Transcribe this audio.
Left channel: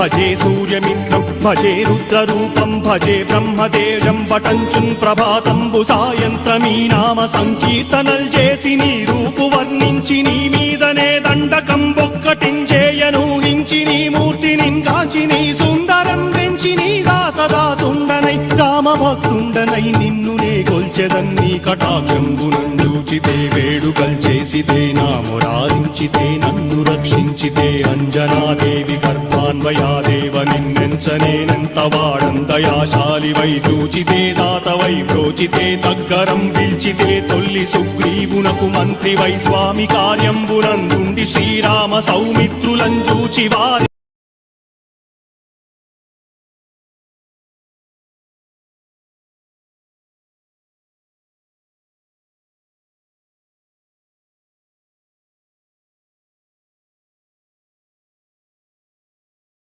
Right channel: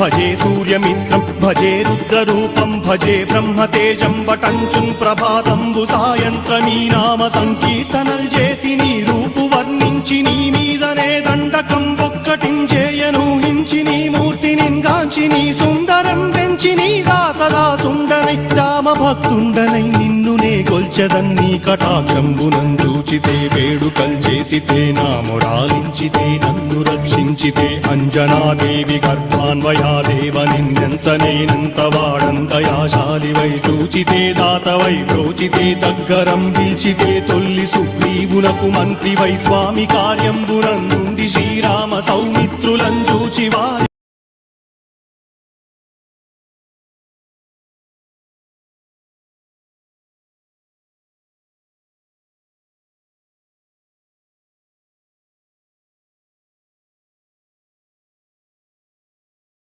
భజే సూర్యమిత్రం భజే రుద్రరూపం భజే బ్రహ్మదేవం వటంచుం ప్రభాతంబు సాయంత్రమీ నామ సంకీర్తనల్ చేసి నీ రూపు వర్ణించి నీ మీదనే దండకం ఒక్కటించేయను హించి నీ మూర్తిని కాంచి నీ సుందరం పెంచి నీ సదా సుందరై రామభక్తుండనై నిన్ను నే కొల్చెదన్నీ కటాక్షంబునందూచితే వేడుకల్ చేసితే నామురారించితే నన్ను రక్షించితే అంజనాదేవి గర్భాన్వయాదేవ నిన్నెంచనేనంత వాడందయాశాలివై చూచితే దాతవై ప్రోచితే దగ్గరం పిలిచితే తొల్లి సుగ్రీవునకు మంత్రివై స్వా